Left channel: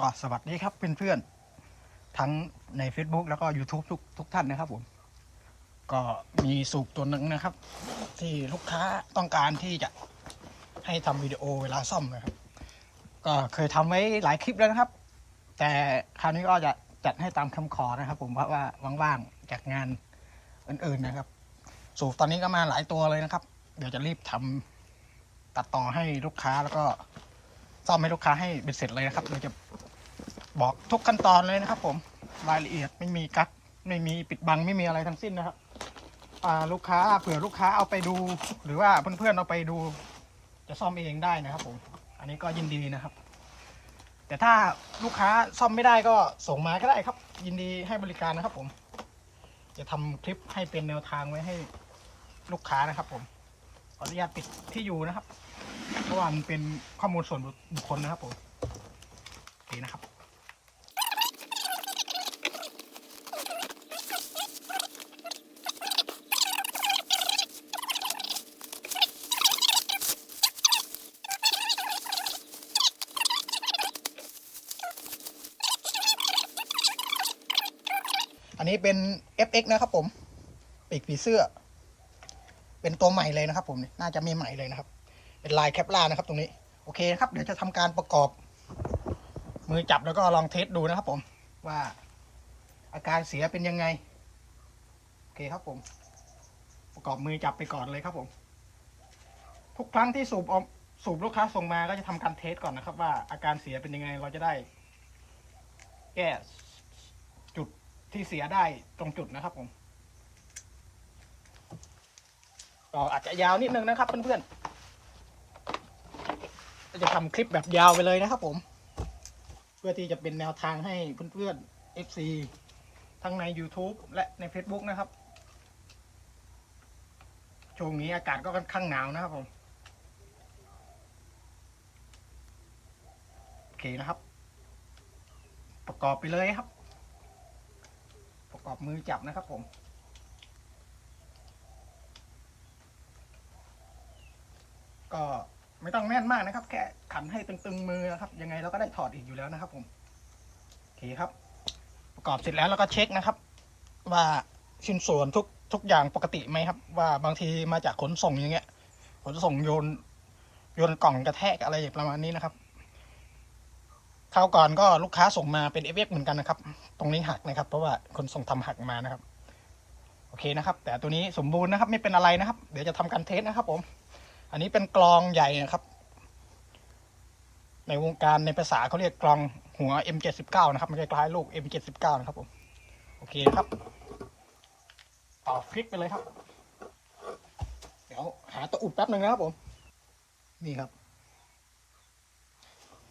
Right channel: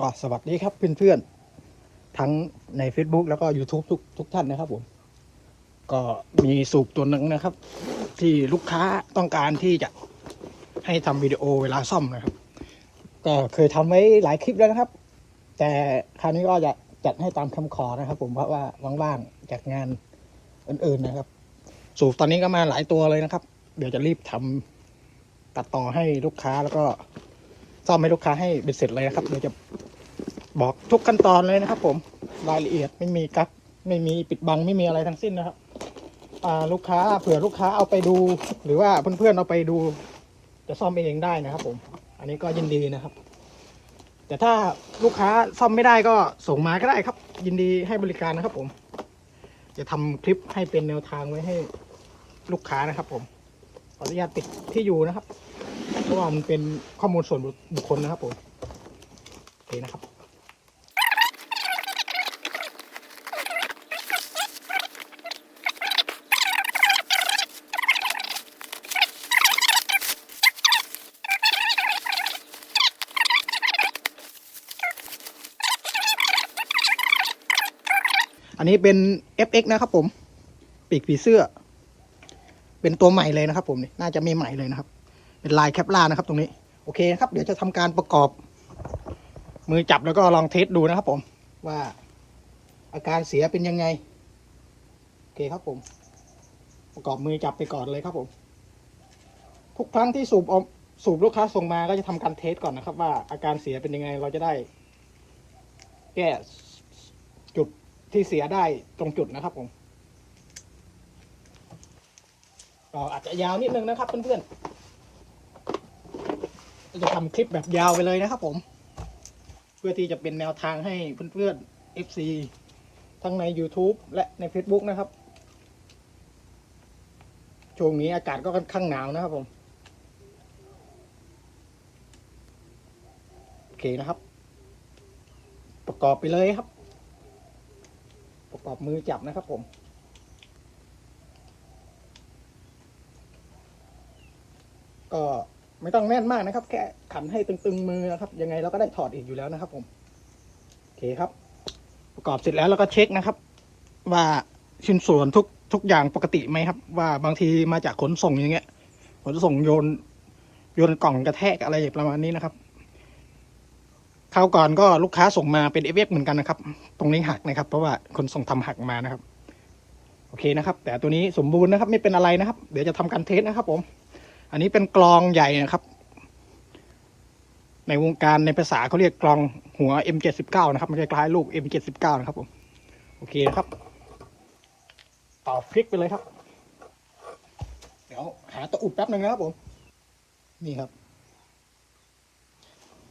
ก็สวัสดีครับเพื่อนๆ ทั้งใน Facebook แล้วก็ YouTube ทุกทุกท่านนะครับผม ก็มีสูบตัวหนึ่งนะครับ ที่ลูกค้าต้องการที่จะให้ทำวิดีโอเวลาซ่อมนะครับ ก็เคยทำไว้หลายคลิปแล้วนะครับ แต่คราวนี้ก็จะจัดให้ตามคำขอนะครับผมเพราะว่าว่างๆจากงานอื่นๆนะครับ สูบตอนนี้ก็มาหลายตัวเลยนะครับ เดี๋ยวจะรีบทำตัดต่อให้ลูกค้าแล้วก็ซ่อมให้ลูกค้าให้เป็นเสร็จเลยนะครับเดี๋ยวจะ บอกทุกขั้นตอนเลยนะครับผมรายละเอียดไม่มีกักไม่มีปิดบังไม่มีอะไรทั้งสิ้นนะครับลูกค้าเผื่อลูกค้าเอาไปดู หรือว่าเพื่อนๆเอาไปดู จะซ่อมเองได้นะครับ ผม อันนี้ก็ยินดีนะครับ แต่ถ้าลูกค้าซ่อมไม่ได้ก็ส่งมาก็ได้ครับ ยินดีให้บริการนะครับ ผม จะทำคลิปให้เป็นแนวทางไว้ให้ลูกค้านะครับ ผมขออนุญาตติดที่อยู่นะครับเพราะว่ามันเป็นข้อมูลส่วนบุคคลนะครับผมโอเคนะครับ อั นี้เป็น FX นะครับผม ปีกผีเสื้อ เป็นตัวใหม่เลยนะครับ ผมนี่น่าจะมีใหม่เลยนะครับ เป็นลายแคปลานะครับ ตรงนี้ โอเคนะครับ เดี๋ยวจะทำการประกอบ มือจับแล้วก็ลองเทสดูนะครับ ผม ว่าอาการเสียเป็นยังไง โอเคครับผม ประกอบมือจับไปก่อนเลยครับผม ทุกครั้งที่สูบออกสูบลูกค้าส่งมาก็จะทำการเทสก่อนนะครับ ว่าอาการเสียเป็นยังไงเราจะได้ แก้จุด ที่เสียได้ตรงจุดนะครับผมก็อาจจะยาวนิดนึงนะครับเพื่อนๆจะทำคลิปแบบยาวไปเลยนะครับผม เพื่อที่จะเป็นแนวทางให้เพื่อนๆ FC ทั้งใน YouTube และใน Facebook นะครับช่วงนี้อากาศก็ค่อนข้างหนาวนะครับผม โอเคนะครับ ประกอบไปเลยครับ ประกอบมือจับนะครับผม ก็ไม่ต้องแน่นมากนะครับ แค่ขันให้ตึงๆมือนะครับ ยังไงเราก็ได้ถอดอีกอยู่แล้วนะครับ ผมโอเคครับ ประกอบเสร็จแล้วเราก็เช็คนะครับ ว่าชิ้นส่วนทุกทุกอย่างปกติไหมครับ ว่าบางทีมาจากขนส่งอย่างเงี้ยขนส่งโยนโยนกล่องกระแทกอะไรประมาณนี้นะครับ คราวก่อนก็ลูกค้าส่งมาเป็นเอฟเอฟเหมือนกันนะครับ ตรงนี้หักนะครับ เพราะว่าคนส่งทำหักมานะครับ โอเคนะครับ แต่ตัวนี้สมบูรณ์นะครับ ไม่เป็นอะไรนะครับ เดี๋ยวจะทำการเทสนะครับ ผม อันนี้เป็นกลองใหญ่นะครับ ในวงการในภาษาเขาเรียกกลองหัว M79 นะครับม่ใช่คล้ายลูก M79 นะครับผม โอเคนะครับต่อพลิกไปเลยครับ เดี๋ยวหาตัวอุดแป๊บหนึ่งนะครับผม นี่ครับ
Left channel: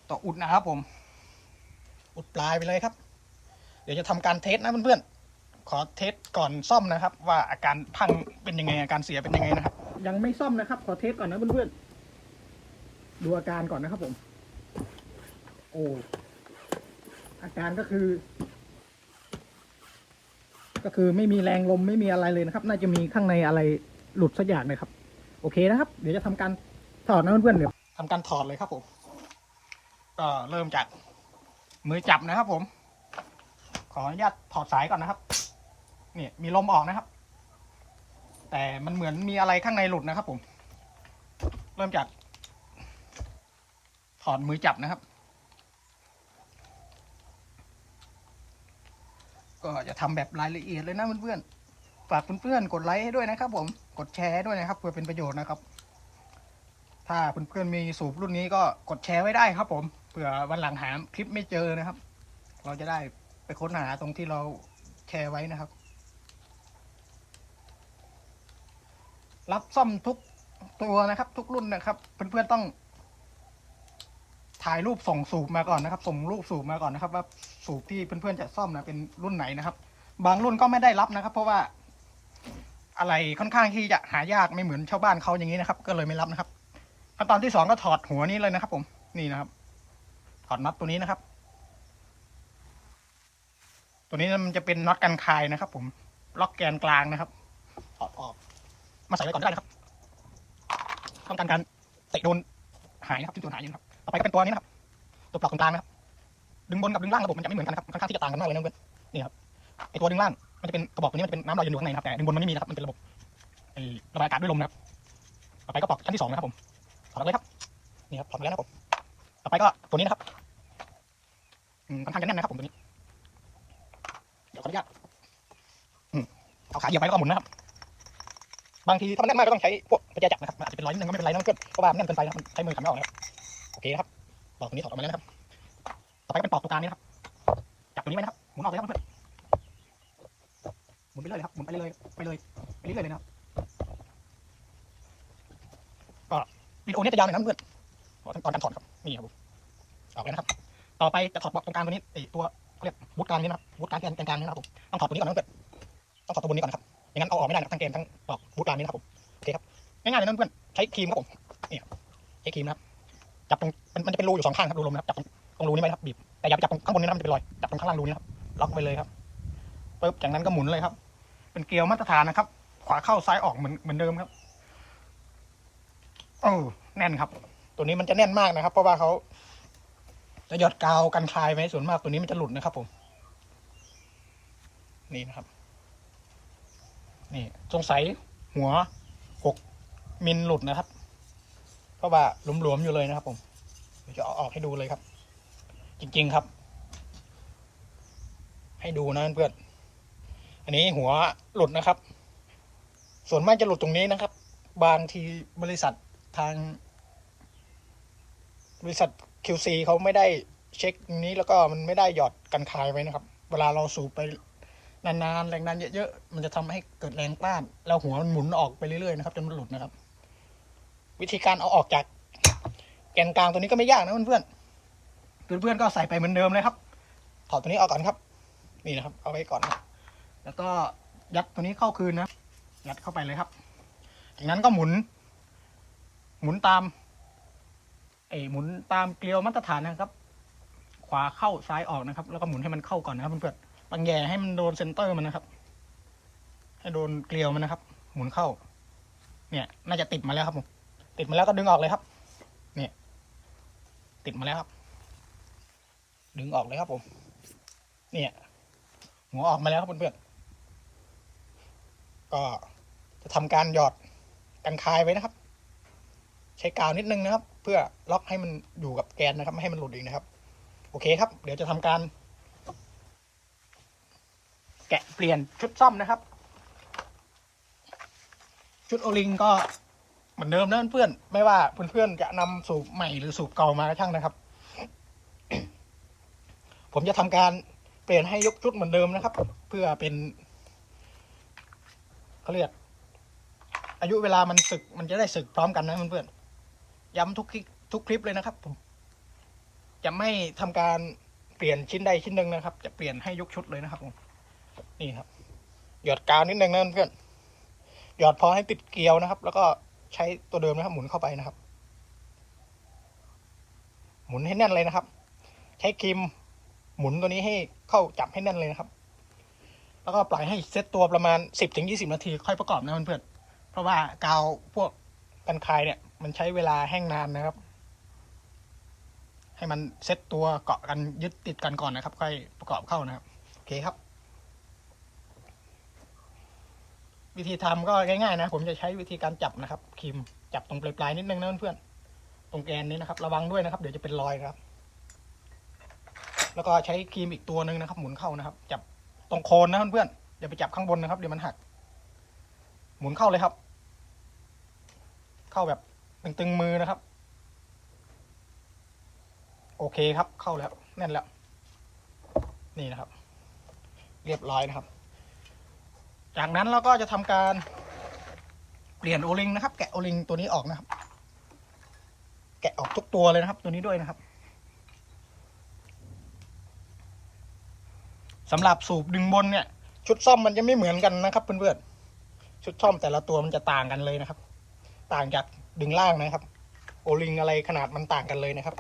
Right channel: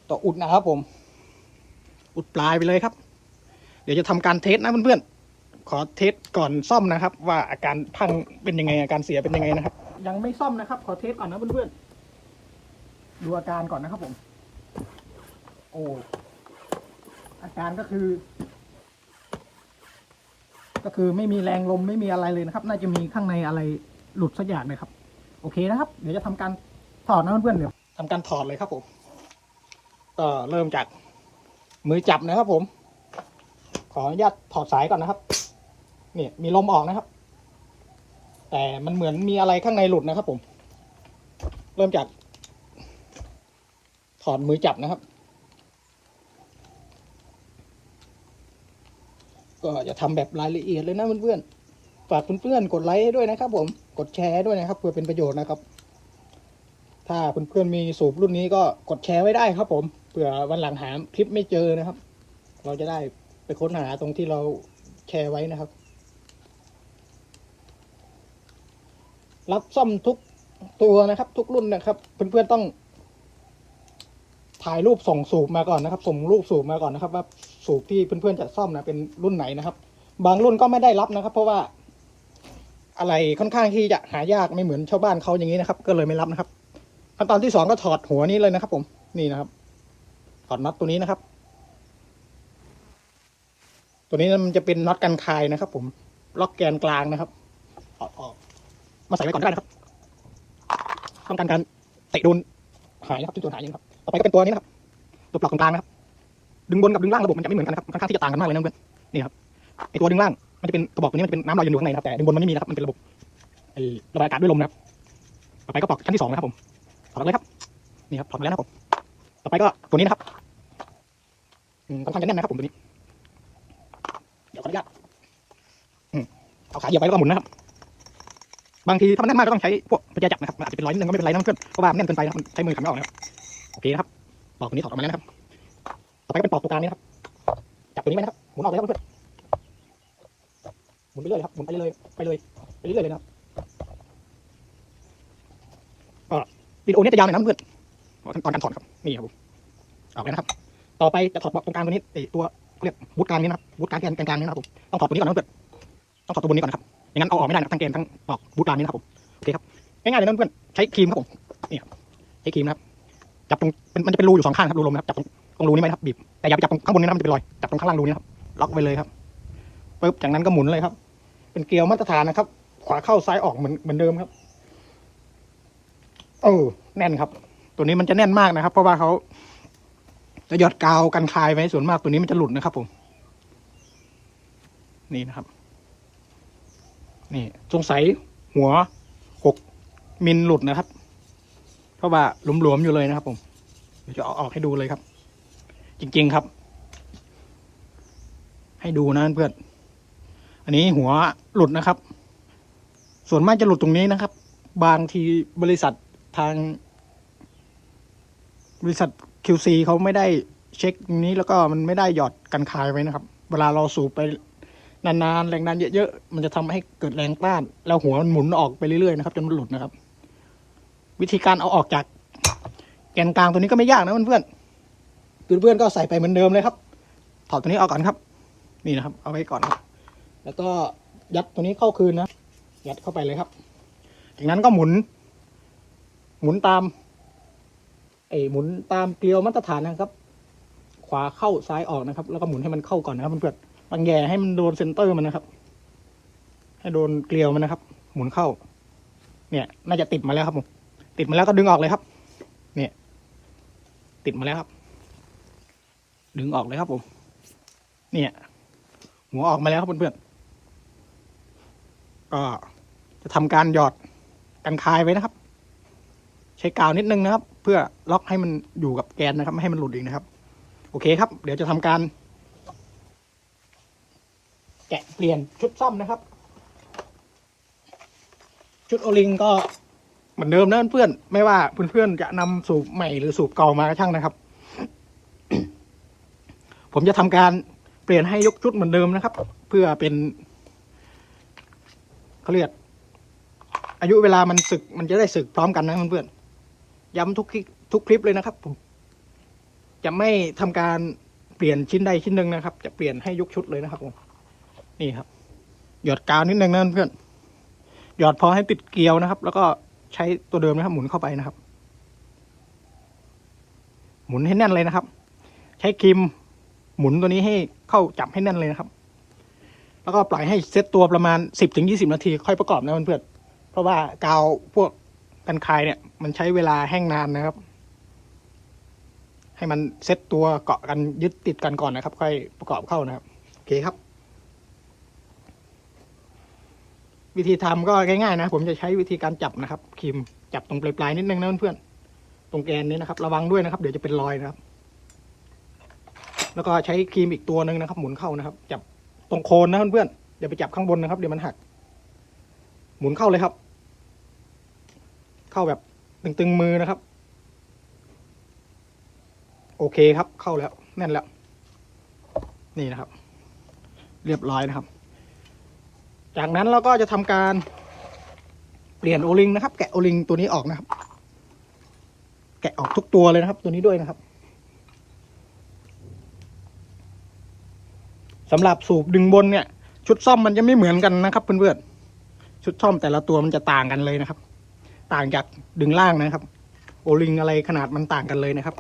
ตัวอุดนะครับผม อุดปลายไปเลยครับ เดี๋ยวจะทำการเทสนะเพื่อนๆขอเทสก่อนซ่อมนะครับ ว่าอาการพังเป็นยังไงอาการเสียเป็นยังไงนะครับ ยังไม่ซ่อมนะครับ ขอเทสก่อนนะเพื่อนๆดูอาการก่อนนะครับผม โอ้อาการก็คือ ก็คือไม่มีแรงลมไม่มีอะไรเลยนะครับ น่าจะมีข้างในอะไรหลุดสักอย่างเลยครับ โอเคนะครับ เดี๋ยวจะทำการถอดนะเพื่อนๆเดี๋ยวทำการถอดเลยครับผมก็เริ่มจาก มือจับนะครับผม ขออนุญาตถอดสายก่อนนะครับ เนี่ยมีลมออกนะครับ แต่มันเหมือนมีอะไรข้างในหลุดนะครับผม เริ่มจาก ถอดมือจับนะครับ ก็จะทำแบบรายละเอียดเลยนะเพื่อนๆ ฝากเพื่อนๆกดไลค์ให้ด้วยนะครับ ผม กดแชร์ด้วยนะครับ เพื่อเป็นประโยชน์นะครับ ถ้าเพื่อนๆมีสูบรุ่นนี้ก็กดแชร์ไว้ได้ครับผม ผื่อวันหลังหาคลิปไม่เจอนะครับ เราจะได้ไปค้นหาตรงที่เราแชร์ไว้นะครับ รับซ่อมทุกตัวนะครับ ทุกรุ่นนะครับ เพื่อนๆต้อง ถ่ายรูปส่งสูบมาก่อนนะครับ ส่งรูปสูบมาก่อนนะครับ ว่าสูบที่เพื่อนๆจะซ่อมนะเป็นรุ่นไหนนะครับ บางรุ่นก็ไม่ได้รับนะครับ เพราะว่าอะไรค่อนข้างที่จะหายากไม่เหมือนชาวบ้านเขาอย่างนี้นะครับ ก็เลยไม่รับนะครับขั้นตอนที่สองก็ถอดหัวนี้เลยนะครับ ผมนี่นะครับ ถอดน็อตตัวนี้นะครับ ตัวนี้มันจะเป็นน็อตกันคายนะครับ ผม ล็อกแกนกลางนะครับถอดออก มาใส่ไว้ก่อนก็ได้นะครับต้องการการเตะโดนหายนะครับที่ตัวหายนะครับต่อไปก็เป็นตัวนี้นะครับตัวปลอกตรงกลางนะครับดึงบนกับดึงล่างระบบมันจะไม่เหมือนกันนะครับค่อนข้างที่จะต่างกันมากเลยนะเพื่อนนี่ครับไอตัวดึงล่างมันจะเป็นกระบอกตัวนี้มันจะเป็นน้ำลอยอยู่ข้างในนะครับแต่ดึงบนมันไม่มีนะครับมันเป็นระบบระบายอากาศด้วยลมนะครับต่อไปก็ปลอกชั้นที่สองนะครับผมถอดเลยครับนี่ครับถอดมาแล้วนะครับผม ต่อไปก็ตัวนี้นะครับค่อนข้างจะแน่นนะครับผมตัวนี้ เดี๋ยวขออนุญาตเอาสายเดียวไปแล้วก็หมุนนะครับ บางทีถ้ามันแน่นมากก็ต้องใช้พวกกุญแจจับนะครับมันอาจจะเป็นรอยนิดนึงก็ไม่เป็นไรนะเพื่อนเพราะว่ามันแน่นเกินไปนะครับมันใช้มือขันไม่ออกนะครับโอเคนะครับปลอกตัวนี้ถอดออกมาแล้วนะครับ ต่อไปก็เป็นปลอกตัวกลางนี้นะครับ จับตัวนี้ไว้นะครับหมุนออกเลยครับเพื่อนหมุนไปเรื่อยครับหมุนไปเรื่อยไปเลยไปเรื่อยเลยนะครับก็วิดีโอนี้จะยาวหน่อยนะเพื่อนขั้นตอนการถอดครับนี่ครับ ผมออกเลยนะครับ ต่อไปจะถอดปลอกตรงกลางตัวนี้ไอตัวเรียกบูทกลางนี้นะครับบูทกลางแกนกลางนี้นะครับผมต้องถอดตัวนี้ก่อนนะเพื่อนต้องถอดตัวบนนี้ก่อนนะครับอย่างนั้นเอาออกไม่ได้นะทั้งแกนทั้งปลอกบูทกลางนี้นะครับผมโอเคครับง่ายๆเลยนะเพื่อนใช้ครีมครับผมนี่ใช้ครีมนะครับจับตรงมันจะเป็นรูอยู่สองข้างครับรูลมนะครับจับตรงตรงรูนี้ไว้นะครับบีบแต่อย่าไปจับตรงข้างบนนี้นะมันจะเป็นรอยจับตรงข้างล่างรูนี้ครับล็อกไว้เลยครับปึ๊บจากนั้นก็หมุนเลยครับ เป็นเกลียวมาตรฐานนะครับ ขวาเข้าซ้ายออกเหมือนเหมือนเดิมครับเออแน่นครับ ตัวนี้มันจะแน่นมากนะครับ เพราะว่าเขา จะหยอดกาวกันคายไว้ส่วนมากตัวนี้มันจะหลุดนะครับผม นี่นะครับ นี่สงสัยหัวหกมิลหลุดนะครับ เพราะว่าหลวมๆอยู่เลยนะครับ ผมเดี๋ยวจะเอออกให้ดูเลยครับ จริง ๆครับ ให้ดูนะเพื่อนอันนี้หัวหลุดนะครับ ส่วนมากจะหลุดตรงนี้นะครับ บางทีบริษัททาง บริษัท QC เขาไม่ได้เช็คนี้แล้วก็มันไม่ได้หยอดกันคายไว้นะครับ เวลาเราสูบไปนานๆแรงดันเยอะๆมันจะทำให้เกิดแรงต้าน แล้วหัวมันหมุนออกไปเรื่อยๆนะครับจนมันหลุดนะครับ วิธีการเอาออกจากแกนกลางตัวนี้ก็ไม่ยากนะเพื่อนๆเพื่อนๆก็ใส่ไปเหมือนเดิมเลยครับ ถอดตัวนี้ออกก่อนครับ นี่นะครับ เอาไว้ก่อน แล้วก็ยัดตัวนี้เข้าคืนนะยัดเข้าไปเลยครับ จากนั้นก็หมุน หมุนตาม ไอหมุนตามเกลียวมาตรฐานนะครับ ขวาเข้าซ้ายออกนะครับ แล้วก็หมุนให้มันเข้าก่อนนะครับเพื่อนๆตังแย่ให้มันโดนเซนเตอร์มันนะครับ ให้โดนเกลียวมันนะครับ หมุนเข้า เนี่ย น่าจะติดมาแล้วครับผมติดมาแล้วก็ดึงออกเลยครับ เนี่ย ติดมาแล้วครับ ดึงออกเลยครับผมเนี่ยหัวออกมาแล้วครับเพื่อนๆก็จะทำการหยอดกันคายไว้นะครับ ใช้กาวนิดนึงนะครับ พื่อล็อกให้มันอยู่กับแกนนะครับ ไม่ให้มันหลุดเอีกนะครับ โอเคครับ เดี๋ยวจะทำการ แกะเปลี่ยนชุดซ่อมนะครับ ชุดโอลิงก็เหมือนเดิมนะเพื่อนไม่ว่าเพื่อนๆจะนำสูบใหม่หรือสูบเก่ามาก็ช่างนะครับ ผมจะทำการเปลี่ยนให้ยกชุดเหมือนเดิมนะครับ เพื่อเป็นเขาเรียกอายุเวลามันสึกมันจะได้สึกพร้อมกันนะเพื่อนๆ ย้ำทุกคลิปทุกคลิปเลยนะครับผมจะไม่ทำการเปลี่ยนชิ้นใดชิ้นหนึ่งนะครับ จะเปลี่ยนให้ยกชุดเลยนะครับผมนี่ครับ หยอดกาวนิดนึงนะเพื่อนหยอดพอให้ติดเกลียวนะครับ แล้วก็ใช้ตัวเดิมนะครับ หมุนเข้าไปนะครับ หมุนให้แน่นเลยนะครับ ใช้ครีมหมุนตัวนี้ให้เข้าจับให้แน่นเลยนะครับ แล้วก็ปล่อยให้เซตตัวประมาณสิบถึงยี่สิบนาที ค่อยประกอบนะเพื่อนๆเพราะว่ากาวพวกกันคายเนี่ย มันใช้เวลาแห้งนานนะครับ ให้มันเซตตัวเกาะกันยึดติดกันก่อนนะครับ ค่อยประกอบเข้านะครับโอเคครับ วิธีทำก็ง่ายๆนะ ผมจะใช้วิธีการจับนะครับครีมจับตรงปลายๆนิดนึงนะเพื่อนๆตรงแกนนี้นะครับ ระวังด้วยนะครับ เดี๋ยวจะเป็นรอยนะครับแล้วก็ใช้ครีมอีกตัวหนึ่งนะครับ หมุนเข้านะครับ จับตรงโคนนะเพื่อนๆอย่าไปจับข้างบนนะครับ เดี๋ยวมันหัก หมุนเข้าเลยครับ เข้าแบบ ตึงๆมือนะครับ โอเคครับเข้าแล้วแน่นแล้ว นี่นะครับ เรียบร้อยนะครับ จากนั้นเราก็จะทำการเปลี่ยนโอลิงนะครับ แกะโอลิงตัวนี้ออกนะครับ แกะออกทุกตัวเลยนะครับ ตัวนี้ด้วยนะครับสำหรับสูบดึงบนเนี่ย ชุดซ่อมมันจะไม่เหมือนกันนะครับเพื่อนๆชุดซ่อมแต่ละตัวมันจะต่างกันเลยนะครับ ต่างจากดึงล่างนะครับ โอลิงอะไรขนาดมันต่างกันเลยนะครับ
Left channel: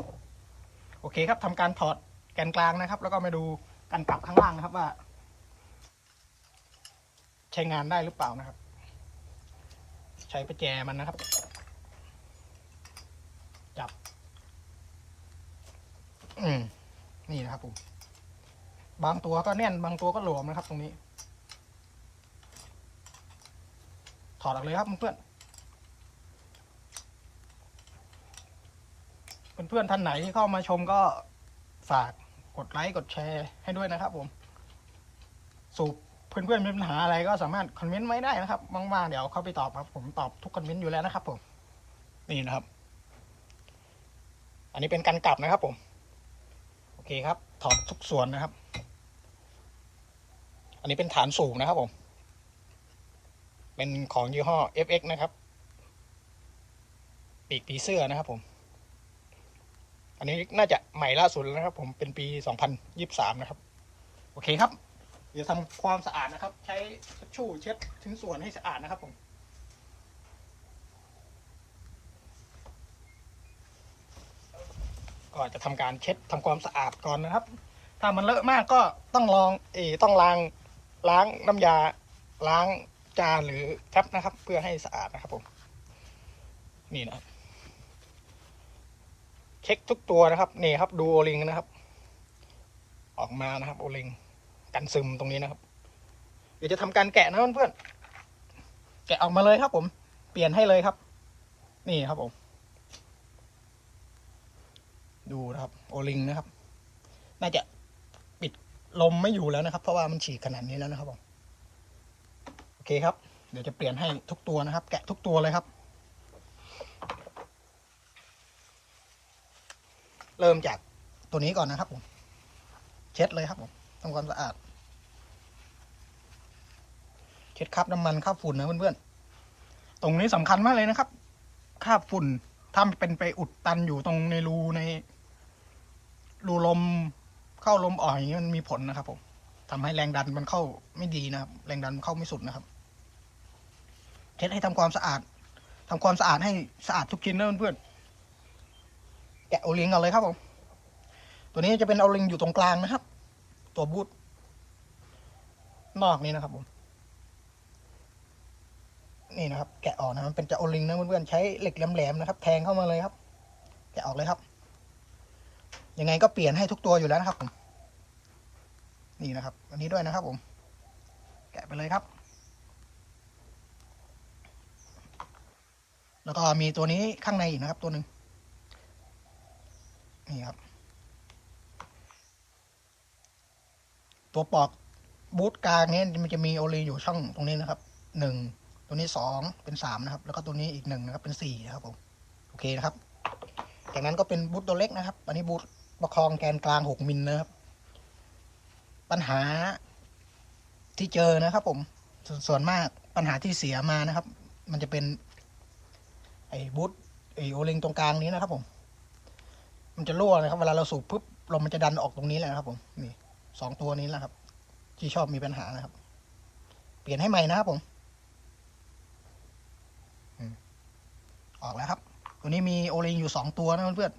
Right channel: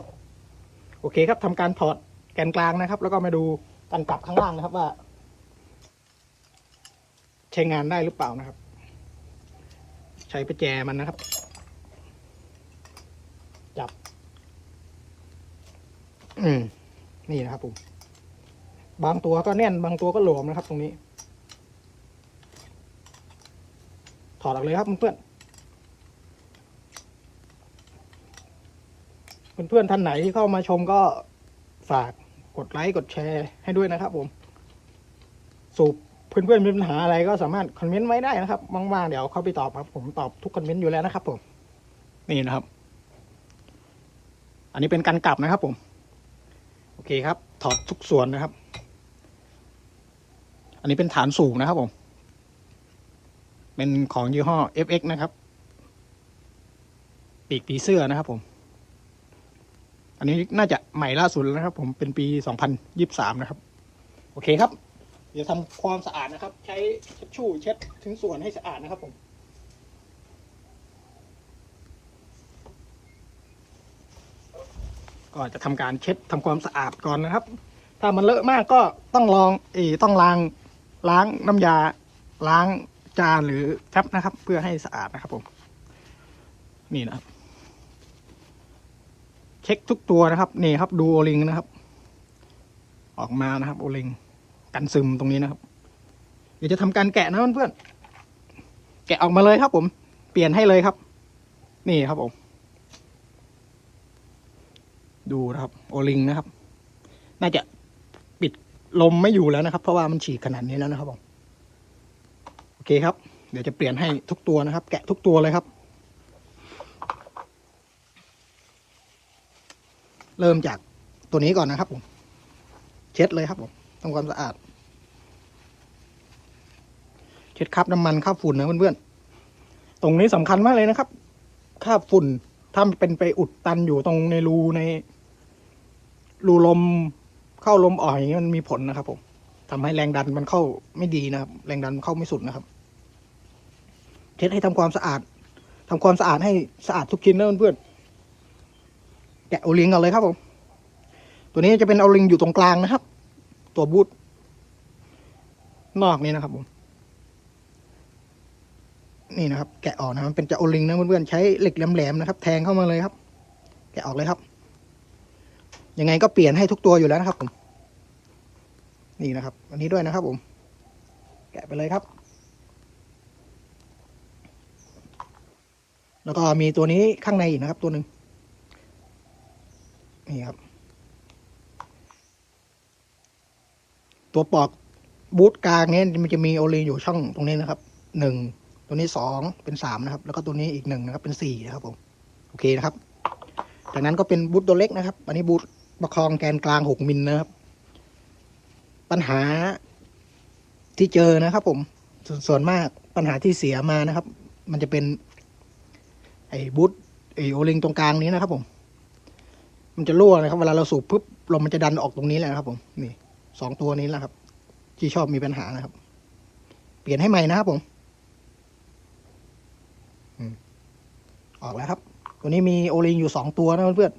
โอเคครับทำการถอดแกนกลางนะครับ แล้วก็มาดูการกลับข้างล่างนะครับว่า ใช้งานได้หรือเปล่านะครับ ใช้ประแจมันนะครับ จับ อืมนี่นะครับผมบางตัวก็แน่นบางตัวก็หลวมนะครับ ตรงนี้ ถอดออกเลยครับเพื่อน เพื่อนๆท่านไหนที่เข้ามาชมก็ฝากกดไลค์กดแชร์ให้ด้วยนะครับผม สูบเพื่อนๆมีปัญหาอะไรก็สามารถคอมเมนต์ไว้ได้นะครับว่างๆเดี๋ยวเข้าไปตอบครับผมตอบทุกคอมเมนต์อยู่แล้วนะครับผมนี่นะครับ อันนี้เป็นการกลับนะครับผม โอเคครับ ถอดทุกส่วนนะครับ อันนี้เป็นฐานสูงนะครับผม เป็นของยี่ห้อ FX นะครับ ปีกปีเสื้อนะครับผม อันนี้น่าจะใหม่ล่าสุดแล้วนะครับ ผมเป็นปี 2023 นะครับ โอเคครับ เดี๋ยวทำความสะอาดนะครับ ใช้เช็ดชู่เช็ดชิ้นส่วนให้สะอาดนะครับผมก็จะทำการเช็ดทำความสะอาดก่อนนะครับ ถ้ามันเลอะมากก็ต้องลองเอต้องล้างล้างน้ำยา ล้างจานหรือทับนะครับ เพื่อให้สะอาดนะครับผม นี่นะครับ เช็คทุกตัวนะครับนี่ครับดูโอลิงนะครับ ออกมานะครับโอลิงกันซึมตรงนี้นะครับเดี๋ยวจะทำการแกะนะเพื่อนๆแกะออกมาเลยครับ ผม เปลี่ยนให้เลยครับ นี่ครับผมดูนะครับ โอลิงนะครับ น่าจะปิดลมไม่อยู่แล้วนะครับ เพราะว่ามันฉีกขนาดนี้แล้วนะครับผมโอเคครับ เดี๋ยวจะเปลี่ยนให้ทุกตัวนะครับ แกะทุกตัวเลยครับ เริ่มจากตัวนี้ก่อนนะครับผม เช็ดเลยครับผมทำความสะอาด เช็ดคราบน้ำมันคราบฝุ่นนะเพื่อนๆตรงนี้สำคัญมากเลยนะครับคราบฝุ่นถ้าเป็นไปอุดตันอยู่ตรงในรูใน รูลมเข้าลมออกอย่างนี้มันมีผลนะครับ ผมทำให้แรงดันมันเข้าไม่ดีนะครับ แรงดันเข้าไม่สุดนะครับ เช็ดให้ทำความสะอาดทำความสะอาดให้สะอาดทุกชิ้นนะเพื่อนๆ แกะโอลิงกันเลยครับผม ตัวนี้จะเป็นโอลิงอยู่ตรงกลางนะครับ ตัวบูทนอกนี้นะครับผม นี่นะครับ แกะออกนะครับเป็นจะโอลิงนะเพื่อนๆใช้เหล็กแหลมๆนะครับ แทงเข้ามาเลยครับ แกะออกเลยครับ ยังไงก็เปลี่ยนให้ทุกตัวอยู่แล้วนะครับผม นี่นะครับ อันนี้ด้วยนะครับผม แกะไปเลยครับแล้วก็มีตัวนี้ข้างในอีกนะครับตัวหนึ่ง นี่ครับ ตัวปอกบูทกลางเนี้มันจะมีโอลิงอยู่ช่องตรงนี้นะครับหนึ่งตัวนี้สองเป็นสามนะครับ แล้วก็ตัวนี้อีกหนึ่งนะครับ เป็นสี่นะครับผมโอเคนะครับจากนั้นก็เป็นบูทตัวเล็กนะครับ อันนี้บูทประคองแกนกลางหกมิลนะครับ ปัญหาที่เจอนะครับ ผมสส่วนมากปัญหาที่เสียมานะครับ มันจะเป็น ไอ้บูทไอ้โอลิงตรงกลางนี้นะครับผม มันจะรั่วนะครับ เวลาเราสูบปุ๊บลมมันจะดันออกตรงนี้แหละนะครับ ผมนี่สองตัวนี้แหละครับ ที่ชอบมีปัญหานะครับ เปลี่ยนให้ใหม่นะครับผมออกแล้วครับ ตัวนี้มีโอลิงอยู่สองตัวนะเพื่อน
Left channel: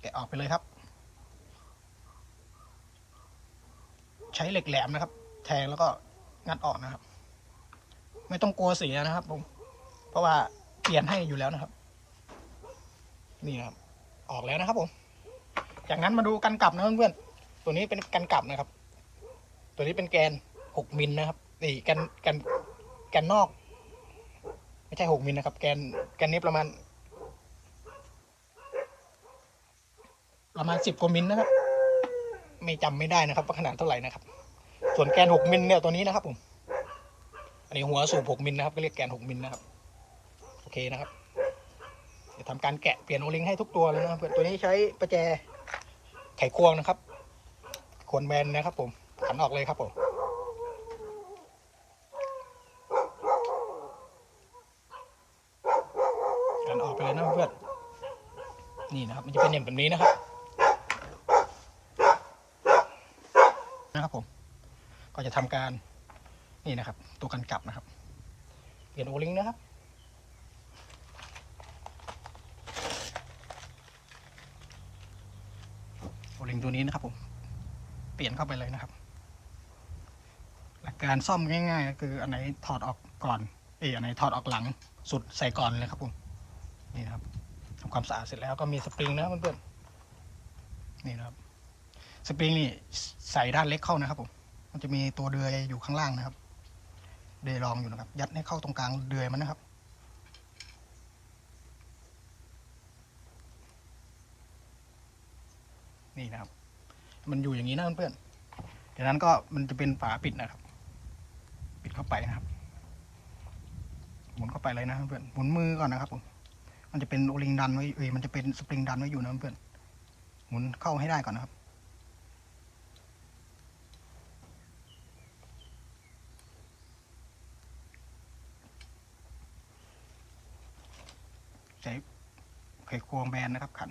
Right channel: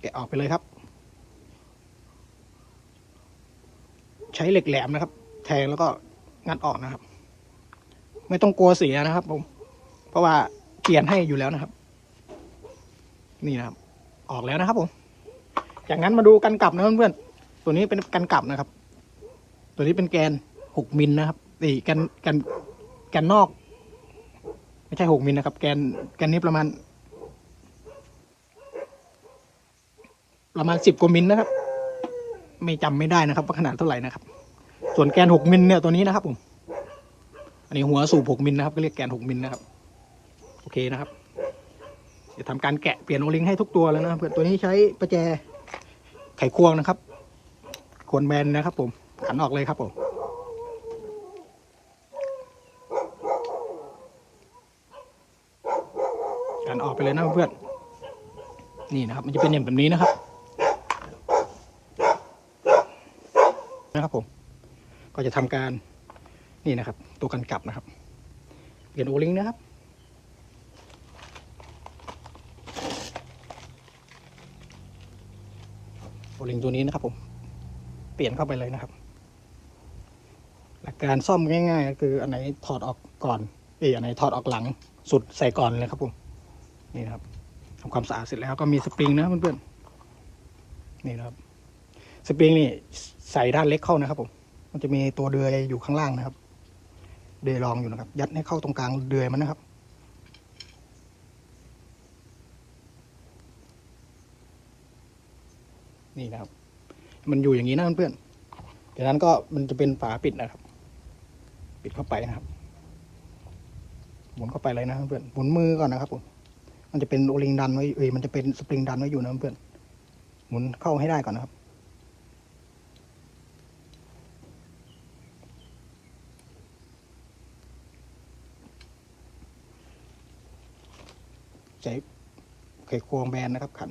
แกะออกไปเลยครับ ใช้เหล็กแหลมนะครับ แทงแล้วก็งัดออกนะครับ ไม่ต้องกลัวเสียนะครับผม เพราะว่า ปลี่ยนให้อยู่แล้วนะครับ นี่นะครับ ออกแล้วนะครับผมจากนั้นมาดูกันกลับนะเพื่อนๆตัวนี้เป็นกันกลับนะครับ ตัวนี้เป็นแกนหกมิลนะครับนี่แกนแกนแกนนอก ไม่ใช่หกมิลนะครับ แกนแกนนี้ประมาณ ประมาณสิบกว่ามิลนะครับ ไม่จำไม่ได้นะครับว่าขนาดเท่าไหร่นะครับ ส่วนแกนหกมิลเนี่ยตัวนี้นะครับผมอันนี้หัวสูบหกมิลนะครับก็เรียกแกนหกมิลนะครับ อเคนะครับจะทำการแกะเปลี่ยนโอลิงให้ทุกตัวแล้วนะเพื่อนตัวนี้ใช้ประแจไขควงนะครับควรแบนนะครับผมหันออกเลยครับผมหันออกไปเลยนะเพื่อนนี่นะครับ มันจะเป็นอย่างแบบนี้นะครับ นะครับผม ก็จะทำการนี่นะครับ ตัวกันกลับนะครับเปลี่ยนโอลิงนะครับ ลิงตัวนี้นะครับผม เปลี่ยนเข้าไปเลยนะครับ หลักการซ่อมง่าย ๆ ก็คืออันไหนถอดออกก่อนเอยอันไหนถอดออกหลังสุดใส่ก่อนเลยครับผม นี่นะครับทำความสะอาดเสร็จแล้วก็มีสปริงนะเพื่อนๆ นี่นะครับ สปริงนี่ใส่ด้านเล็กเข้านะครับผม มันจะมีตัวเดือยอยู่ข้างล่างนะครับ เดือยรองอยู่นะครับ ยัดให้เข้าตรงกลางเดือยมันนะครับ นี่นะครับ มันอยู่อย่างนี้นะเพื่อนๆจากนั้นก็มันจะเป็นฝาปิดนะครับ ปิดเข้าไปนะครับ หมุนเข้าไปเลยนะเพื่อนหมุนมือก่อนนะครับผมมันจะเป็นโอลิงดันไว้เอ้ยมันจะเป็นสปริงดันไว้อยู่นะเพื่อนหมุนเข้าให้ได้ก่อนนะครับใช้ไขควงแบนนะครับขัน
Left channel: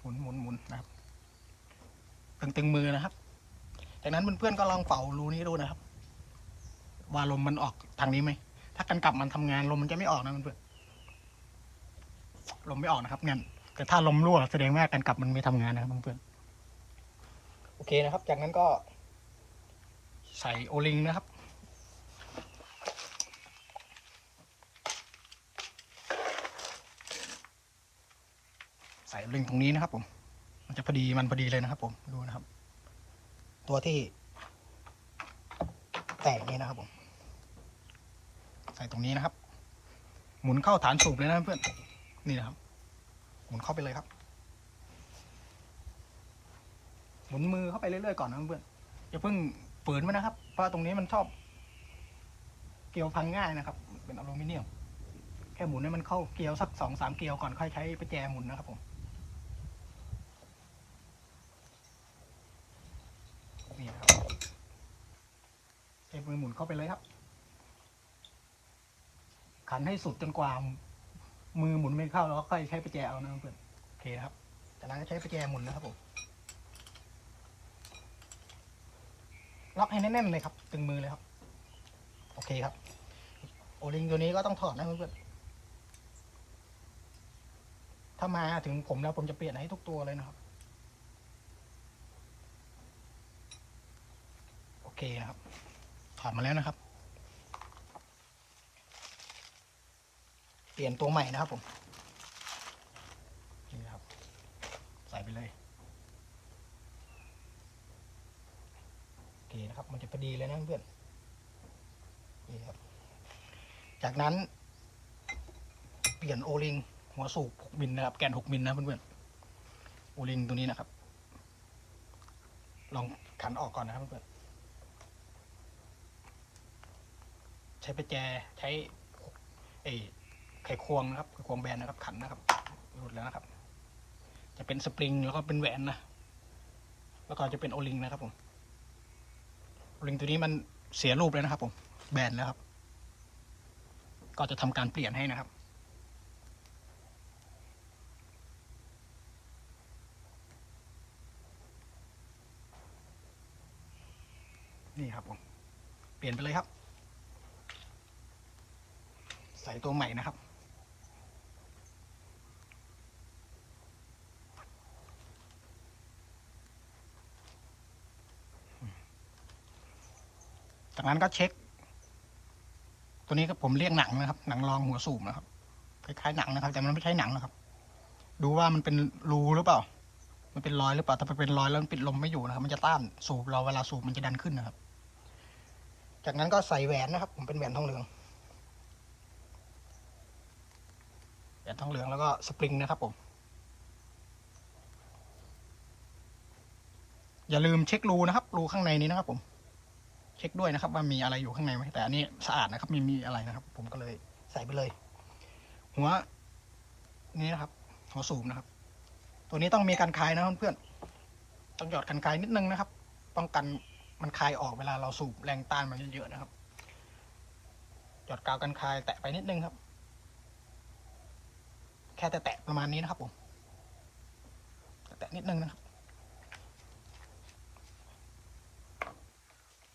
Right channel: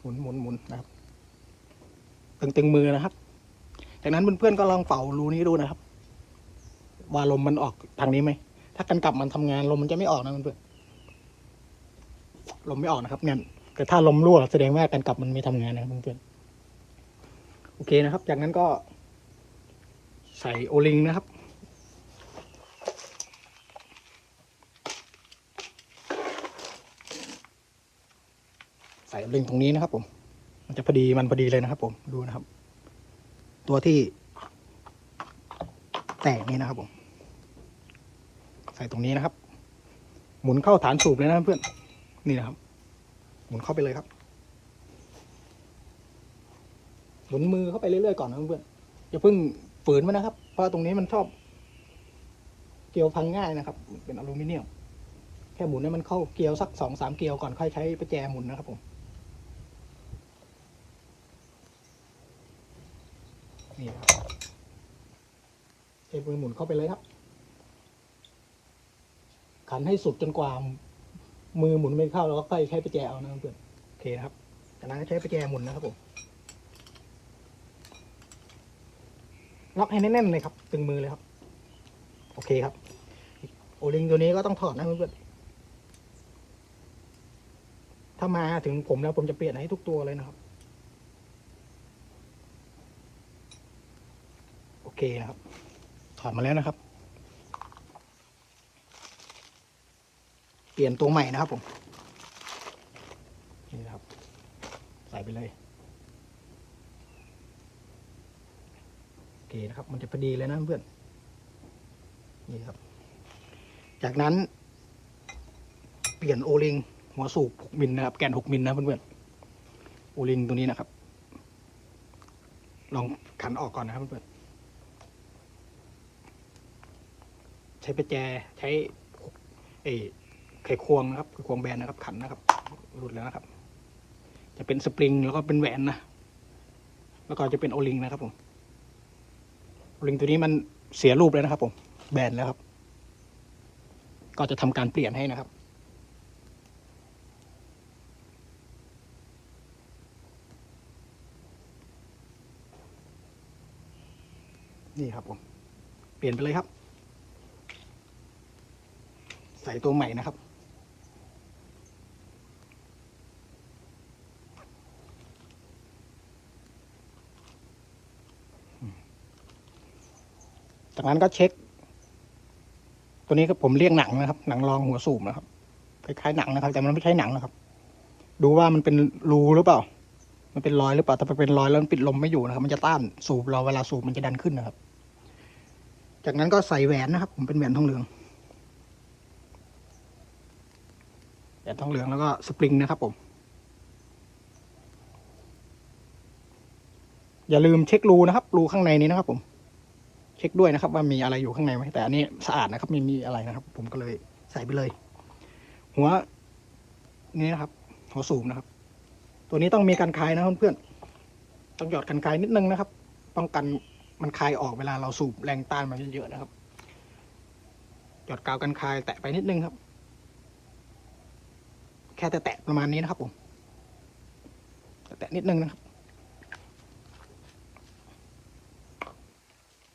หมุนหมุนหมุนนะครับ ตึงตึงมือนะครับ จากนั้นเพื่อนๆก็ลองเป่ารูนี้ดูนะครับ ว่าลมมันออกทางนี้ไหม ถ้ากันกลับมันทำงานลมมันจะไม่ออกนะเพื่อนๆลมไม่ออกนะครับงั้นแต่ถ้าลมรั่วแสดงว่ากันกลับมันไม่ทำงานนะครับเพื่อนๆโอเคนะครับ จากนั้นก็ ใส่โอลิงนะครับ ส่ลิงตรงนี้นะครับ ผม มันจะพอดีมันพอดีเลยนะครับ ผมดูนะครับ ตัวที่แต่งนี้นะครับ ผม ใส่ตรงนี้นะครับ หมุนเข้าฐานสูบเลยนะเพื่อนนี่นะครับ หมุนเข้าไปเลยครับ หมุนมือเข้าไปเรื่อยๆก่อนนะเพื่อนอย่าเพิ่งฝืนมันนะครับ เพราะตรงนี้มันชอบ เกลียวพังง่ายนะครับ เป็นอลูมิเนียมแค่หมุนให้มันเข้าเกลียวสักสองสามเกลียวก่อนค่อยใช้ประแจหมุนนะครับผม นี่ครับใช้มือหมุนเข้าไปเลยครับ ขันให้สุดจนกว่า มือหมุนไม่เข้าแล้วก็ค่อยใช้ประแจเอานะเพื่อนโอเคครับจากนั้นก็ใช้ประแจหมุนนะครับผมล็อกให้แน่นๆเลยครับ ตึงมือเลยครับ โอเคครับ โอลิงตัวนี้ก็ต้องถอดนะเพื่อนถ้ามาถึงผมแล้วผมจะเปลี่ยนให้ทุกตัวเลยนะครับ โอ เคนะครับ ถอดมาแล้วนะครับ เปลี่ยนตัวใหม่นะครับผมนี่นครับ ใส่ไปเลยโอเคนะครับ มันจะพอดีเลยนะเพื่อนนี่ครับ จากนั้น เปลี่ยนโอลิงหัวสูบ6มิลนะครับ แกน 6มิลนะเพื่อนๆโอลิงตัวนี้นะครับ ลองขันออกก่อนนะครับเพื่อนๆ ใช้ประแจใช้เอไขควงนะครับไขควงแบนนะครับขันนะครับหลุดแล้วนะครับ จะเป็นสปริงแล้วก็เป็นแหวนนะแล้วก็จะเป็นโอลิงนะครับผมโอลิงตัวนี้มันเสียรูปแล้วนะครับ ผมแบนแล้วครับ ก็จะทำการเปลี่ยนให้นะครับนี่ครับผม เปลี่ยนไปเลยครับ ส่ตัวใหม่นะครับ จากนั้นก็เช็ค ตัวนี้ก็ผมเรียกหนังนะครับ หนังรองหัวสูบนะครับ คล้ายๆหนังนะครับ แต่มันไม่ใช่หนังนะครับ ดูว่ามันเป็นรูหรือเปล่า มันเป็นรอยหรือเปล่า ถ้าเป็นรอยแล้วมันปิดลมไม่อยู่นะครับ มันจะต้านสูบเราเวลาสูบมันจะดันขึ้นนะครับ จากนั้นก็ใส่แหวนนะครับ ผมเป็นแหวนทองเหลือง แหวนทองเหลืองแล้วก็สปริงนะครับผม อย่าลืมเช็ครูนะครับ รูข้างในนี้นะครับผม เช็คด้วยนะครับ ว่ามีอะไรอยู่ข้างในไหมแต่อันนี้สะอาดนะครับไม่มีอะไรนะครับ ผมก็เลยใส่ไปเลย หัวนี่นะครับ หัวสูบนะครับ ตัวนี้ต้องมีการคลายนะเพื่อนๆต้องหยอดกันคลายนิดนึงนะครับป้องกันมันคลายออกเวลาเราสูบแรงต้านมันเยอะๆนะครับ หยอดกาวกันคลายแตะไปนิดนึงครับ แค่แตะประมาณนี้นะครับผมแตะนิดนึงนะครับ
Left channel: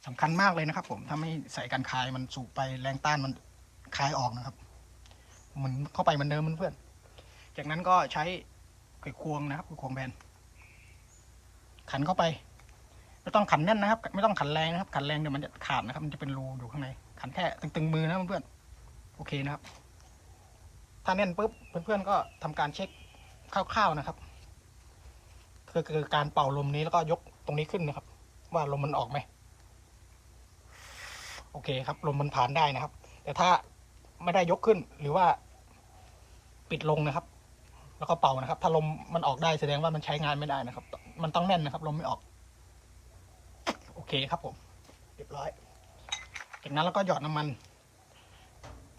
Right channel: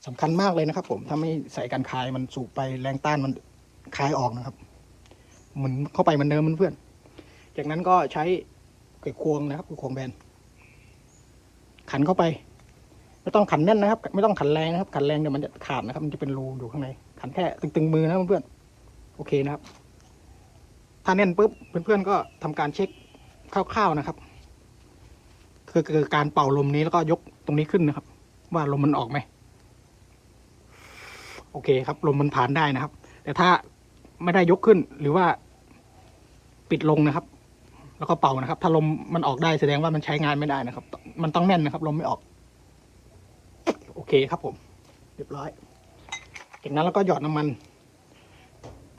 สำคัญมากเลยนะครับ ผมถ้าไม่ใส่กันคายมันสูบไปแรงต้านมันคายออกนะครับเหมุนเข้าไปมือนเดิมเพื่อน จากนั้นก็ใช้ไขควงนะครับควงแบนขันเข้าไปไม่ต้องขันแน่นนะครับ ไม่ต้องขันแรงนะครับ ขันแรงเดี๋ยวมันจะขาดนะครับ มันจะเป็นรูอยู่ข้างในขันแค่ตึงๆมือนะเพื่อนโอเคนะครับ ถ้าแน่นปุ๊บเพื่อนๆก็ทำการเช็คคร่าวๆนะครับ คือคือการเป่าลมนี้แล้วก็ยกตรงนี้ขึ้นนะครับ ว่าลมมันออกไหมโอเคครับ ลมมันผ่านได้นะครับ แต่ถ้าไม่ได้ยกขึ้นหรือว่าปิดลงนะครับ แล้วก็เป่านะครับ ถ้าลมมันออกได้แสดงว่ามันใช้งานไม่ได้นะครับ มันต้องแน่นนะครับ ลมไม่ออก โอเคครับผมเรียบร้อยจากนั้นเราก็หยอดน้ำมัน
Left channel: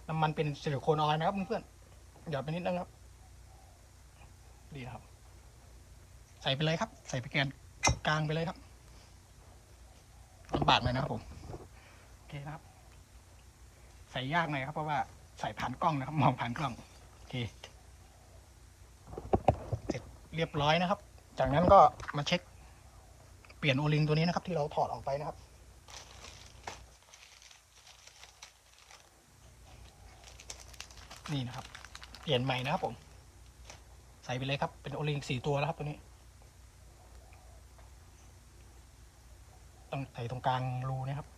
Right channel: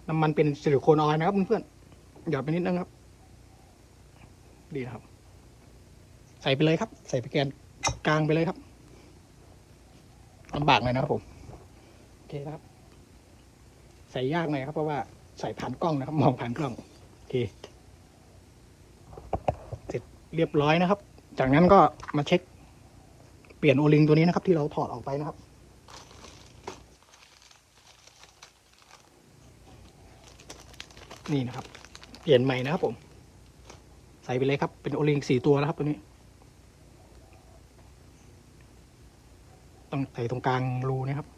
น้ำมันเป็นซิลิโคนออยล์นะครับเพื่อนๆ หยอดไปนิดนึงครับ ดีครับ ใส่ไปเลยครับ ใส่ไปแกนกลางไปเลยครับลำบากหน่อยนะครับผมโอเคนะครับ ใส่ยากหน่อยครับเพราะว่าใส่ผ่านกล้องนะครับ มองผ่านกล้องโอเคเสร็จเรียบร้อยนะครับ จากนั้นก็มาเช็ค เปลี่ยนโอลิงตัวนี้นะครับ ที่เราถอดออกไปนะครับนี่นะครับ เปลี่ยนใหม่นะครับผม ใส่ไปเลยครับ เป็นโอลิงสี่ตัวนะครับตัวนี้ ต้องใส่ตรงกลางรูนะครับ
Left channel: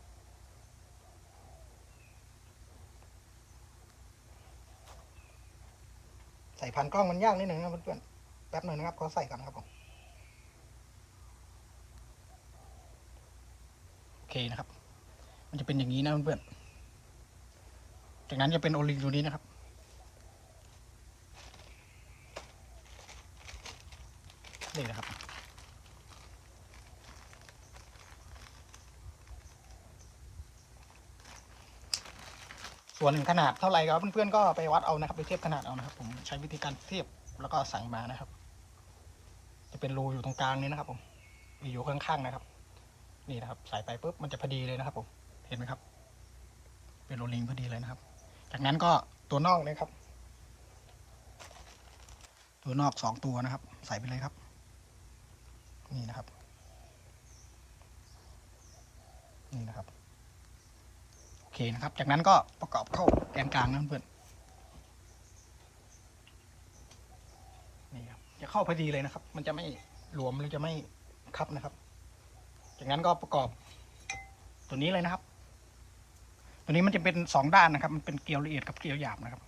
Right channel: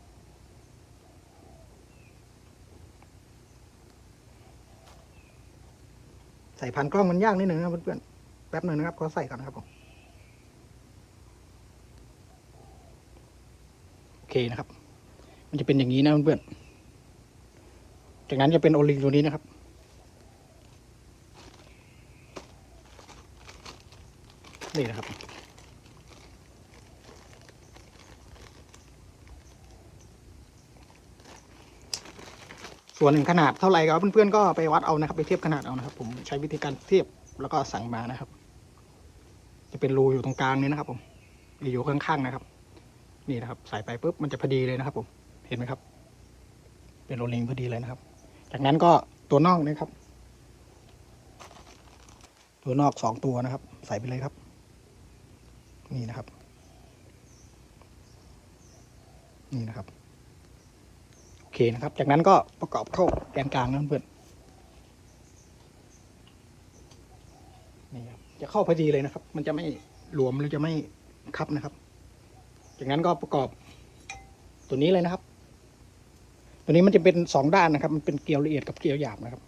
ใส่พันกล้องมันยากนิดหนึ่งนะครับเพื่อนๆแป๊บหนึ่งนะครับขอใส่ก่อนนะครับผมโอเคนะครับ มันจะเป็นอย่างนี้นะเพื่อนๆจากนั้นจะเป็นโอลิงตัวนี้นะครับ นี่นะครับ ส่วนขนาดเท่าไหร่ก็เพื่อนๆก็ไปวัดเอานะครับ ไปเทียบขนาดเอานะครับ ผมใช้วิธีการเทียบแล้วก็สั่งมานะครับ จะเป็นรูอยู่ตรงกลางนี้นะครับ ผมอยู่ข้างๆนะครับ นี่นะครับ ใส่ไปปุ๊บมันจะพอดีเลยนะครับ ผมเห็นไหมครับ เป็นโรลลิงพอดีเลยนะครับ จากนั้นก็ตัวนอกนี่ครับ ตัวนอกสองตัวนะครับ ใส่ไปเลยครับ นี่นะครับ นี่นะครับ โอเคนะครับ จากนั้นก็ประกอบเข้าแกนกลางนะเพื่อนนี่ครับจะเข้าพอดีเลยนะครับ มันจะไม่หลวมหรือจะไม่คับนะครับ จากนั้นก็ประกอบตัวนี้เลยนะครับ ตัวนี้มันจะเป็นสองด้านนะครับ มันเป็นเกลียวละเอียดกับเกลียวหยาบนะครับ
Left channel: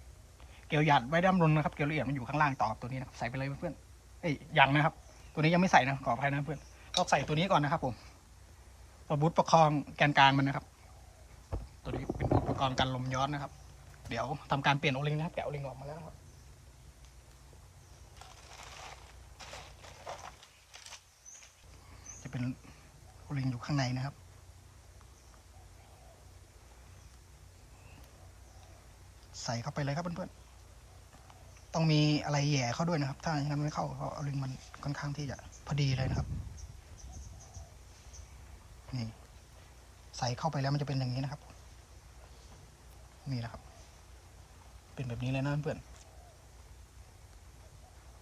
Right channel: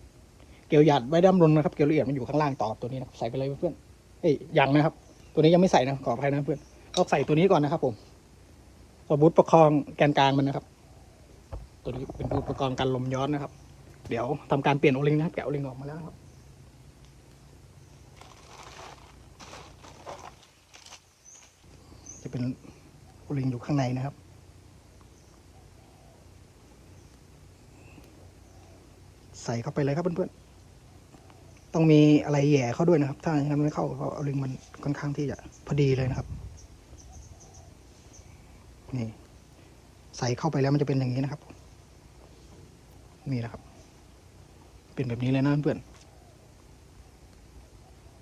เกลียวหยาบไว้ด้านบนนะครับ เกลียวละเอียดมันอยู่ข้างล่างต่อกับตัวนี้นะใส่ไปเลยเพื่อนเอ้ยยังนะครับ ตัวนี้ยังไม่ใส่นะขออภัยนะเพื่อนต้องใส่ตัวนี้ก่อนนะครับ ผมตัวบูทประคองแกนกลางมันนะครับ ตัวนี้เป็นอุปกรณ์การลมย้อนนะครับ เดี๋ยวทำการเปลี่ยนโอลิงนะครับแกะโอลิงออกมาแล้วครับจะเป็นโอลิงอยู่ข้างในนะครับใส่เข้าไปเลยครับเพื่อน ต้องมีอะไรแย่เข้าด้วยนะครับ ถ้าอย่างนั้นไม่เข้าเพราะโอลิงมันค่อนข้างที่จะพอดีเลยนะครับ นี่ ใส่เข้าไปแล้วมันจะเป็นอย่างนี้นะครับ นี่นะครับ เป็นแบบนี้เลยนะเพื่อน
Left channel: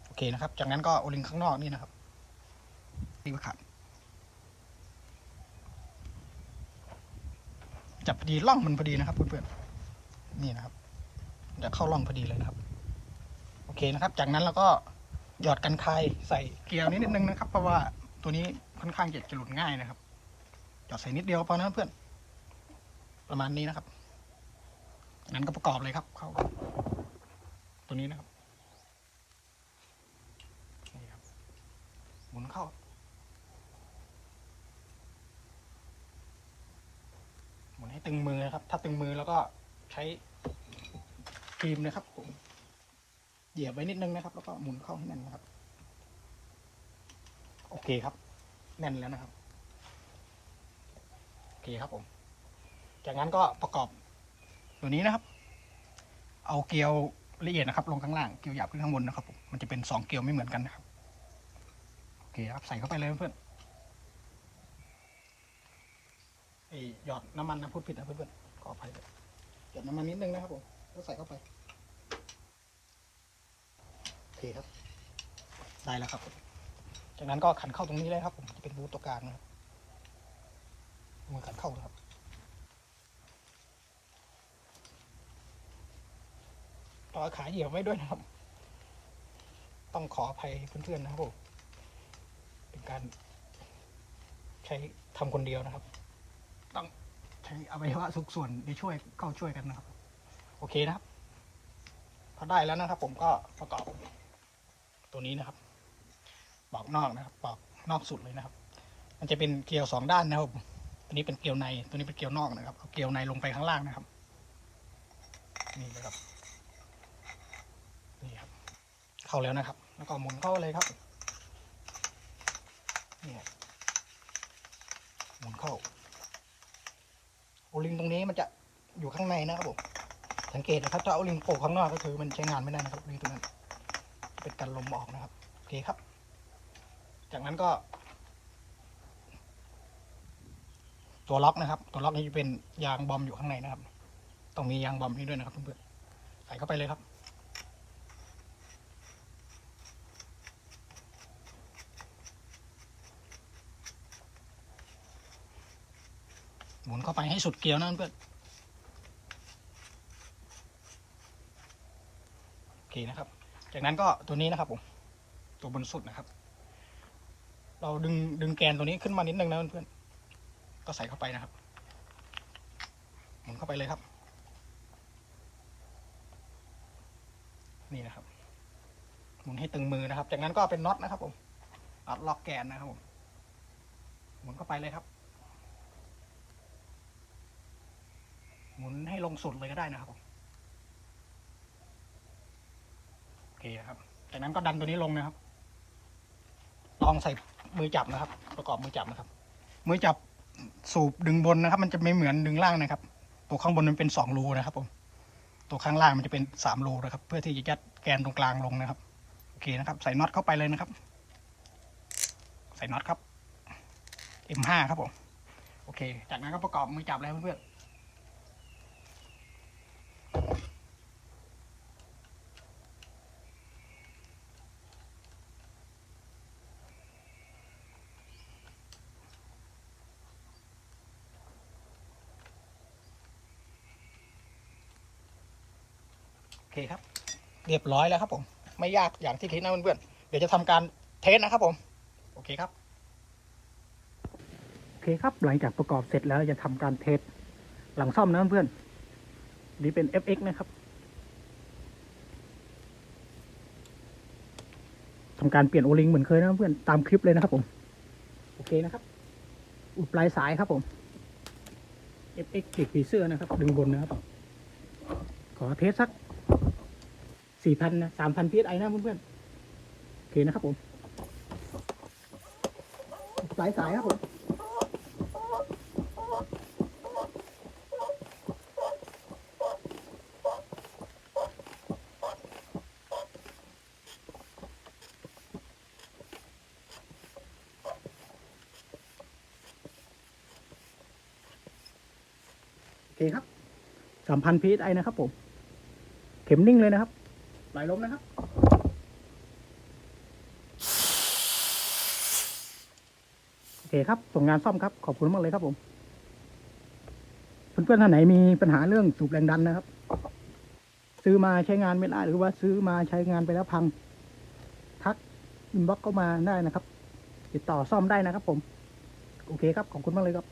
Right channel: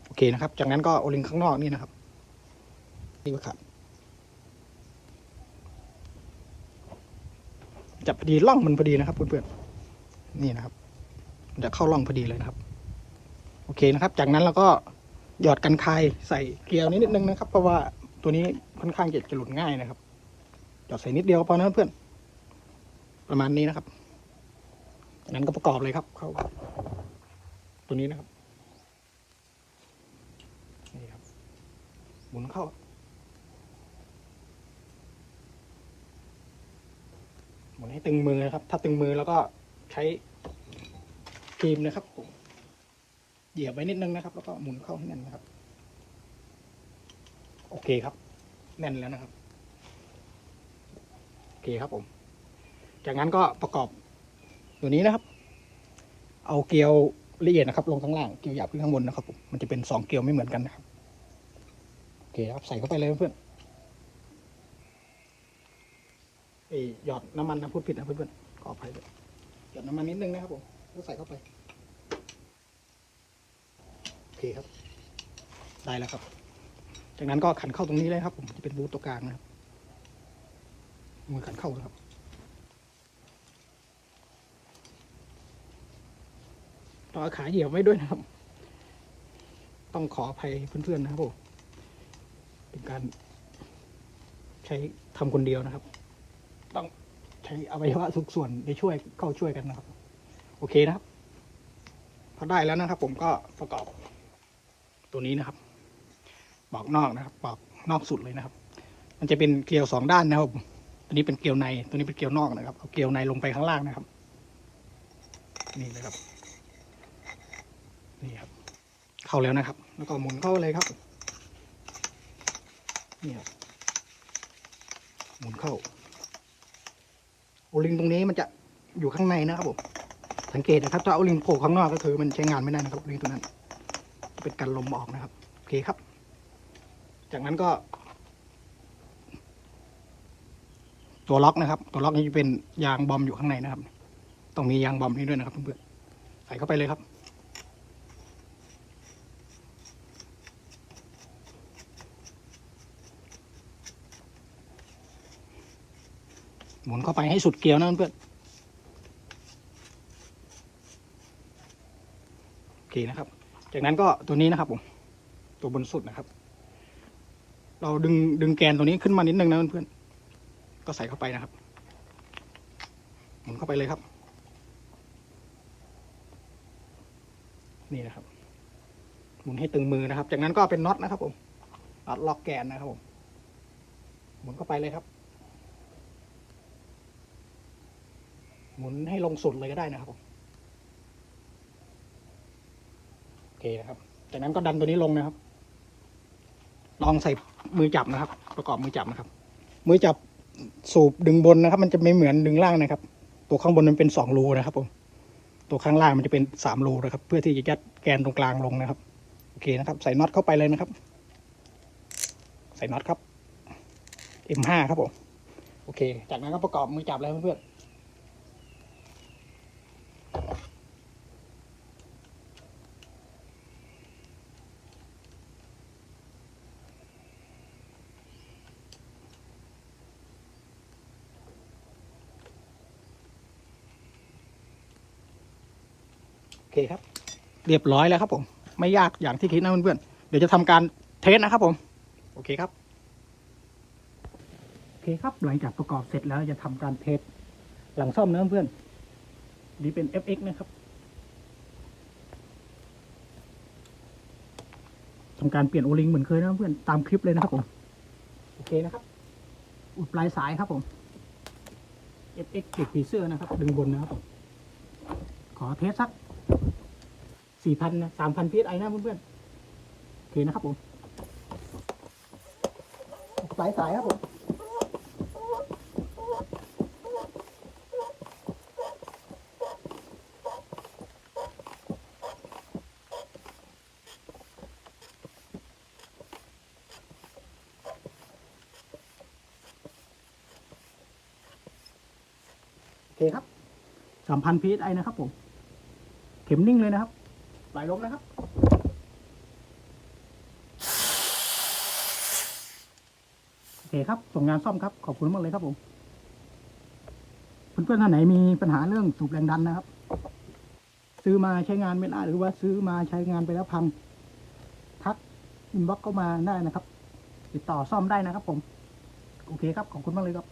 โอเคนะครับ จากนั้นก็โอลิงข้างนอกนี่นะครับนี่ก็ขาดจับพอดีล่องมันพอดีนะครับเพื่อนๆนี่นะครับจะเข้าล่องพอดีเลยนะครับ โอเคนะครับ จากนั้นเราก็หยอดกันคายใส่เกลียวนิดนึงนะครับ เพราะว่าตัวนี้ค่อนข้างจะจะหลุดง่ายนะครับ หยอดใส่นิดเดียวก็พอนะเพื่อน ประมาณนี้นะครับ นั้นก็ประกอบเลยครับเข้าตัวนี้นะครับนี่ครับหมุนเข้าหมุนให้ตึงมือนะครับ ถ้าตึงมือแล้วก็ใช้ครีมนะครับผม เหยียบไว้นิดนึงนะครับ แล้วก็หมุนเข้าให้แน่นนะครับ โอเคครับ แน่นแล้วนะครับ โอเคครับผม จากนั้นก็ประกอบตัวนี้นะครับ เอาเกลียวละเอียดนะครับ ลงข้างล่าง เกลียวหยาบขึ้นข้างบนนะครับผมมันจะเป็นสองเกลียวไม่เหมือนกันนะครับ โอเคครับ ใส่เข้าไปเลยเพื่อนเอหยอดน้ำมันนะพูดผิดนะเพื่อนๆขออภัยด้วยหยอดน้ำมันนิดนึงนะครับผมแล้วใส่เข้าไป เคครับ ได้แล้วครับ จากนั้นก็ขันเข้าตรงนี้เลยครับผมจะเป็นบูทตัวกลางนะมือขันเข้านะครับต่อขาเหยียบไว้ด้วยนะครับ ต้องขออภัยเพื่อนๆนะครับผมเป็นการใช้ทำคนเดียวนะครับ ต้องใช้อวัยวะทุกส่วนไปช่วยเข้าช่วยกันนะครับ โอเคนะครับพอได้แล้วนะครับผมก็ประกอบ ตัวนี้นะครับปอกนอกนะครับปอกนอกสุดเลยนะครับ มันจะเป็นเกลียวสองด้านนะครับตัวนี้เป็นเกลียวในตัวนี้เป็นเกลียวนอกนะครับเอาเกลียวในลงไปข้างล่างนะครับ นี่นะครับนี่ครับ เข้าแล้วนะครับ แล้วก็หมุนเข้าเลยครับนี่หมุนเข้าโอลิงตรงนี้มันจะอยู่ข้างในนะครับผมสังเกตนะครับถ้าโอลิงโผล่ข้างนอกก็คือมันใช้งานไม่ได้นะครับโอลิงตัวนั้น เป็นการลมออกนะครับโอเคครับ จากนั้นก็ ตัวล็อกนะครับ ตัวล็อกนี้จะเป็นยางบอมอยู่ข้างในนะครับต้องมียางบอมนี้ด้วยนะครับเพื่อนๆใส่เข้าไปเลยครับหมุนเข้าไปให้สุดเกลียวนะเพื่อนโอเคนะครับ จากนั้นก็ตัวนี้นะครับผม ตัวบนสุดนะครับ เราดึงดึงแกนตัวนี้ขึ้นมานิดนึงนะเพื่อนๆก็ใส่เข้าไปนะครับหมุนเข้าไปเลยครับ นี่นะครับหมุนให้ตึงมือนะครับ จากนั้นก็เป็นน็อตนะครับผมน็อตล็อกแกนนะครับผมหมุนเข้าไปเลยครับ หมุนให้ลงสุดเลยก็ได้นะครับผมโอเค นะครับจากนั้นก็ดันตัวนี้ลงนะครับ ลองใส่มือจับนะครับ ประกอบมือจับนะครับ มือจับสูบดึงบนนะครับ มันจะไม่เหมือนดึงล่างนะครับ ตัวข้างบนมันเป็นสองรูนะครับผมตัวข้างล่างมันจะเป็นสามรูนะครับ เพื่อที่จะยัดแกนตรงกลางลงนะครับโอเคนะครับ ใส่น็อตเข้าไปเลยนะครับ ใส่น็อตครับ M5 ครับผมโอเค จากนั้นก็ประกอบมือจับเลยเพื่อนๆ โอเคครับ เรียบร้อยแล้วครับผม ไม่ยากอย่างที่คิดนะเพื่อนๆเดี๋ยวจะทำการเทสนะครับผม โอเคครับ โอเคครับหลังจากประกอบเสร็จแล้วจะทำการเทสหลังซ่อมนะเพื่อนนี่เป็น FX นะครับทำการเปลี่ยนโอลิงเหมือนเคยนะเพื่อนตามคลิปเลยนะครับผม โอเคนะครับ อุดปลายสายครับผม FX ติดผีเสื้อนะครับ ดึงบนนะครับขอเทสสัก สี่พันนะสามพันพีไอนะเพื่อนๆโอเคนะครับผม สายสายครับผมโอเคครับสามพันพีไอนะครับผม เข็มนิ่งเลยนะครับ ไหลลมนะครับ โอเคครับส่งงานซ่อมครับ ขอบคุณมากเลยครับผม เพื่อนๆท่านไหนมีปัญหาเรื่องสูบแรงดันนะครับ ซื้อมาใช้งานไม่ได้หรือว่าซื้อมาใช้งานไปแล้วพังทักอินบ็อกก็มาได้นะครับ ติดต่อซ่อมได้นะครับผม โอเคครับ ขอบคุณมากเลยครับ